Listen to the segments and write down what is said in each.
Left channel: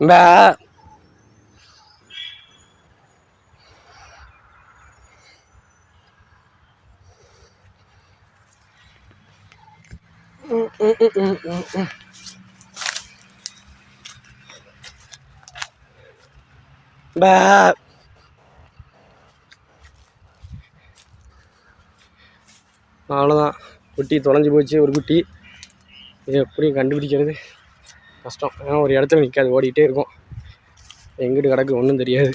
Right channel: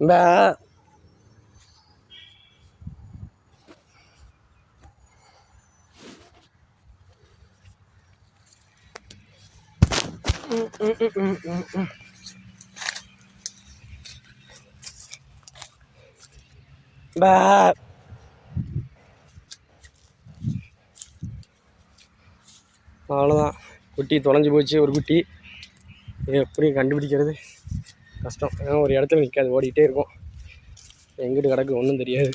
பே ம், ம், ம், ம், ம், ம். பே அவ்வளோதான் குட்டி தொலைஞ்சு போச்சு ஒரு குட்டி இது எப்படி கண்டுபிடிக்கிறது கஷ்டம். ஏன்னா ஒரு இடத்துல நிற்காது ஓடிக்கிட்டே இருக்கும். எங்கிட்டு கிடக்கு ஒன்றும் தெரியாது.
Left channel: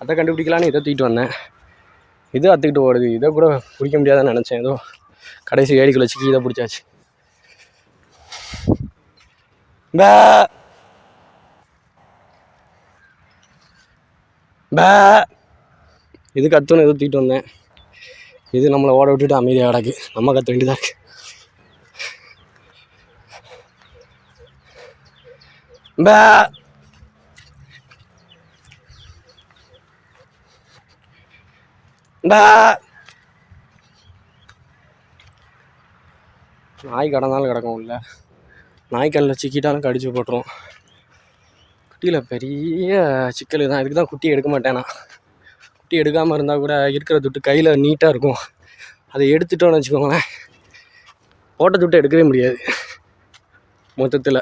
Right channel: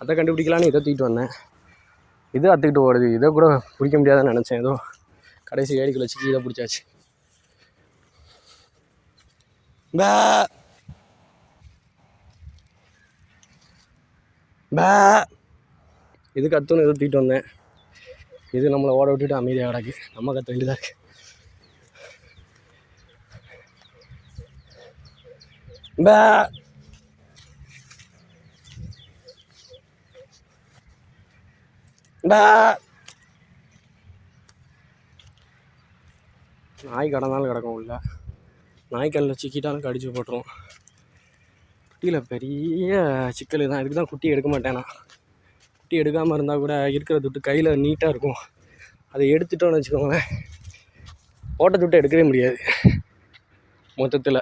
அதை கண்டுபிடிக்கலான்னு இதை தூக்கிட்டு வந்தேன். இது அத்துக்கிட்டு ஓடுது. இதை கூட பிடிக்க முடியாதுன்னு நினச்சேன். ஏதோ கடைசி ஏடிக்குள்ள சிக்கி இதை பிடிச்சாச்சு. பே. பே. இது கத்துன்னு எதோ தூக்கிட்டு வந்தேன். இது நம்மளை ஓட விட்டுட்டு அமைதியாக கிடக்கு. நம்ம கத்த வேண்டியதாக இருக்குது பே பே நாய் கடந்தாலும் கிடக்கும் உள்ள நாய் கல்லில் சிக்கிட்டாலும் கடிச்சு போட்டுரும். குட்டியில் பெரிய சிக்கல் தான். இதுக்கு தான் குட்டி எடுக்க மாட்டேன். நான் குட்டி எடுக்காமல் இருந்தால் கூட இருக்கிற துட்டு கையில் நீட்டாக இருக்கும். அதை எடுத்துட்டோன்னு வச்சுக்கோங்களேன். போட்ட துட்டு எடுக்கவே முடியாது. மொத்தத்தில்.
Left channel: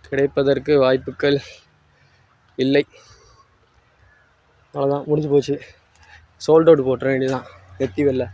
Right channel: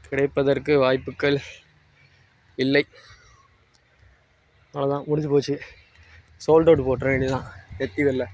கிடைப்பதற்கு வாய்ப்புகள் இல்லை. அவ்வளோதான் முடிஞ்சு போச்சு. சோல்ட் அவுட் போட்டுற வேண்டியதான் எத்தி வெளில.